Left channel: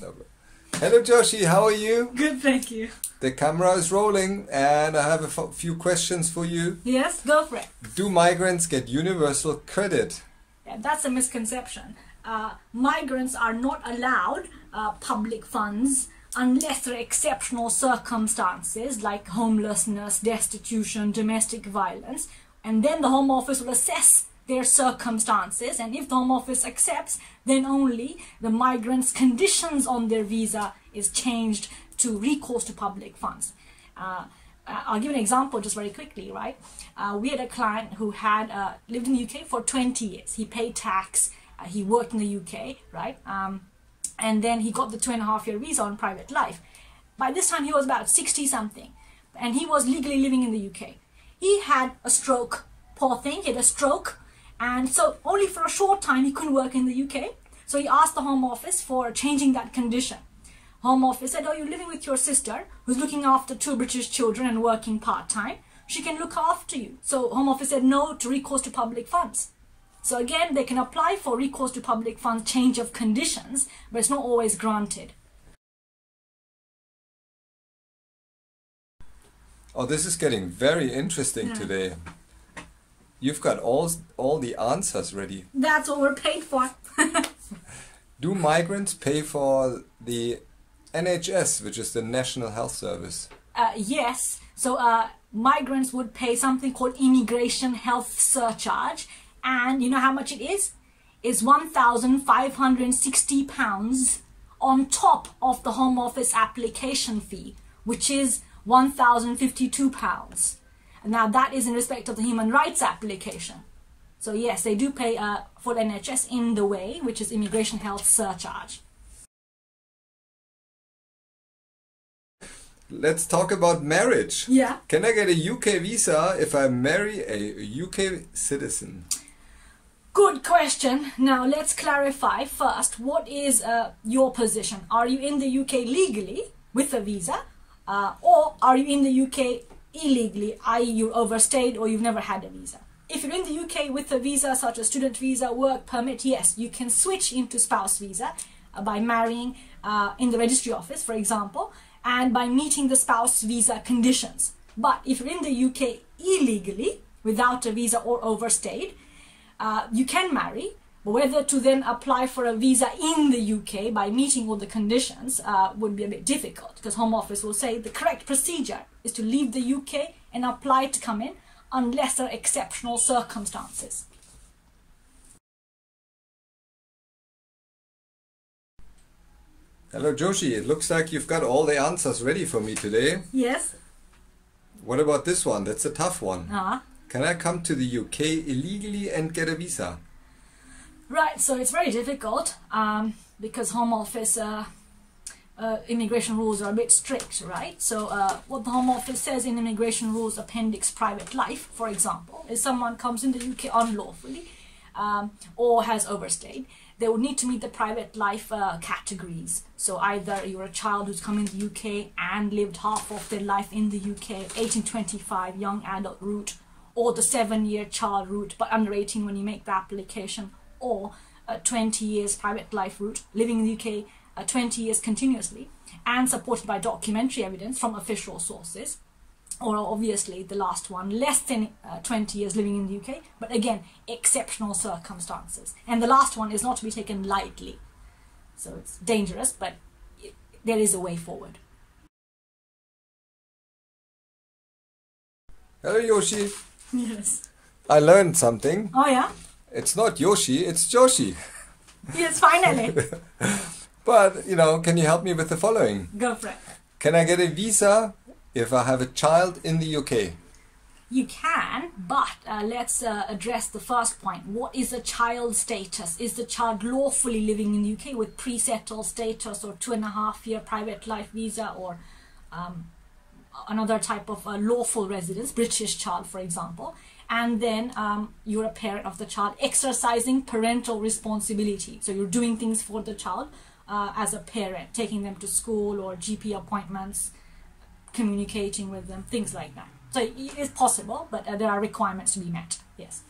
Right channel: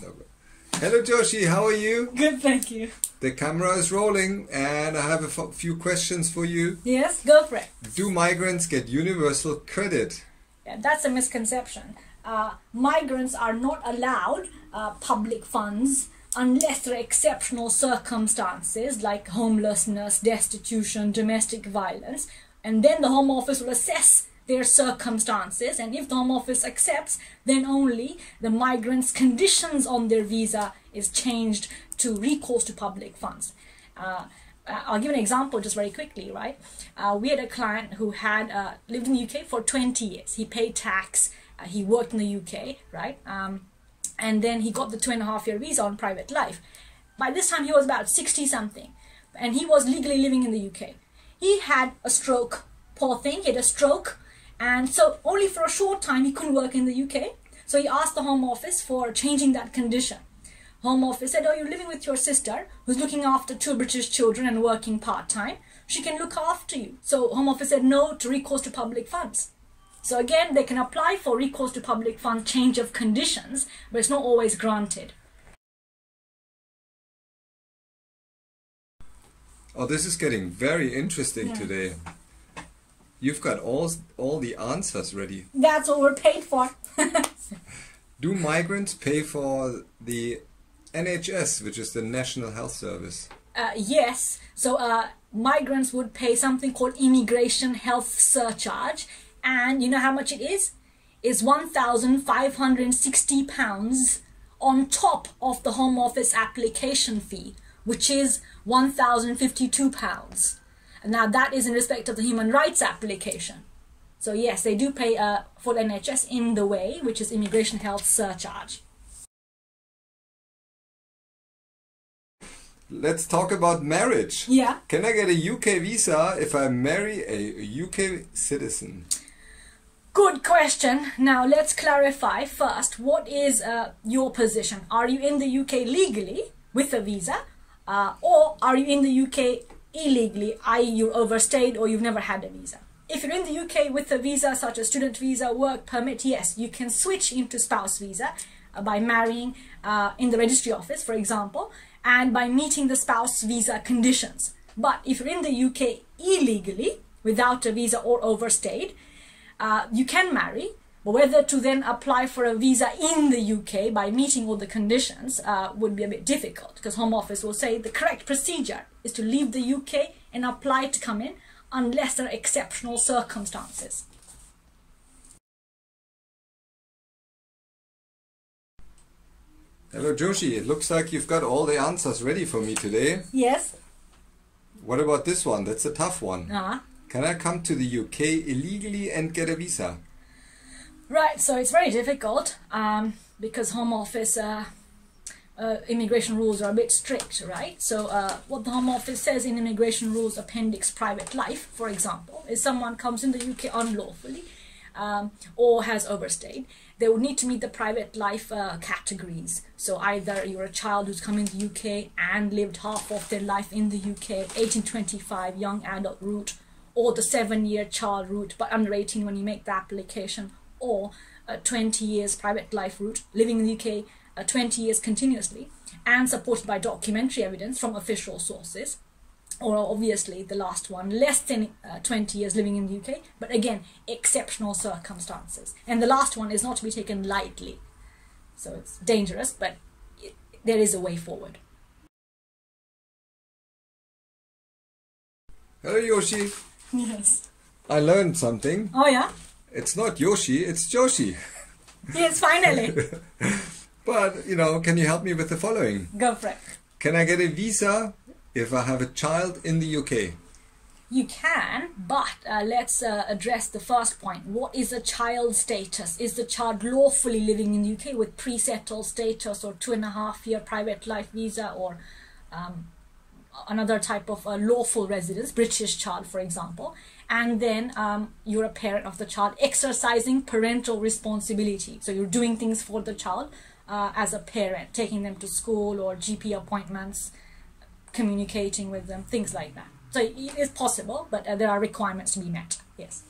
No. Hello Joshi, how are you? Good, thank you. The camera is rolling and I have a few questions for you. Yes, go for it. Do migrants get universal credit? Yeah, that's a misconception. Migrants are not allowed public funds unless there are exceptional circumstances like homelessness, destitution, domestic violence, and then the Home Office will assess their circumstances, and if the Home Office accepts, then only the migrants' conditions on their visa is changed to recourse to public funds. I'll give an example just very quickly, right? We had a client who had lived in the UK for 20 years. He paid tax, he worked in the UK, right? And then he got the 2.5-year visa on private life. By this time he was about 60 something, and he was legally living in the UK. He had a stroke, poor thing, he had a stroke, and so only for a short time he couldn't work in the UK. So he asked the Home Office for changing that condition. Home Office said, oh, you're living with your sister who's looking after 2 British children and working part-time. She can look after you. So Home Office said no to recourse to public funds. So again, they can apply for recourse to public funds, change of conditions, but it's not always granted. Oh, this is getting very interesting today. You've got all the answers ready. That's what we're paid for. Do migrants pay for the NHS, which is the National Health Service? Yes. So migrants would pay something called immigration health surcharge. And you know how much it is? It's £1,560 on top of the Home Office application fee, which is £1,052. Now that is in respect of the human rights application. So yes, they do pay for the NHS in the way, which is immigration health surcharge. Let's talk about marriage. Yeah. Can I get a UK visa if I marry a UK citizen? Good question. Now let's clarify first, what is your position? Are you in the UK legally with a visa, or are you in the UK illegally, i.e. you overstayed or you've never had a visa? If you're in the UK with a visa such as student visa, work permit, yes, you can switch into spouse visa by marrying in the registry office, for example, and by meeting the spouse visa conditions. But if you're in the UK illegally without a visa or overstayed, you can marry, but whether to then apply for a visa in the UK by meeting all the conditions would be a bit difficult, because Home Office will say the correct procedure is to leave the UK and apply to come in unless there are exceptional circumstances. Hello Joshi, it looks like you've got all the answers ready for me today. Yes. What about this one? That's a tough one. Can I come to the UK illegally and get a visa? Right, so it's very difficult because Home Office immigration rules are a bit strict, right? So what the Home Office says in Immigration Rules Appendix Private Life, for example, is someone comes in the UK unlawfully or has overstayed, they would need to meet the private life categories. So either you're a child who's come in the UK and lived half of their life in the UK, 1825 young adult route, or the 7-year child route but under 18 when you make the application, or a 20 years private life route, living in the UK 20 years continuously and supported by documentary evidence from official sources, or obviously the last one, less than 20 years living in the UK, but again, exceptional circumstances. And the last one is not to be taken lightly. So it's dangerous, but there is a way forward. Hello Yoshi. Yes. I learned something. Oh yeah? It's not Yoshi, it's Joshi. Yes, finally. But, you know, can you help me with the following? Go for it. Can I get a visa if I have a child in the UK? You can, but let's address the first point. What is a child status? Is the child lawfully living in the UK with pre-settled status or 2.5-year private life visa, or another type of lawful residence, British child, for example? And then you're a parent of the child exercising parental responsibility. So you're doing things for the child as a parent, taking them to school or GP appointments, communicating with them, things like that. So it's possible, but there are requirements to be met. Yes.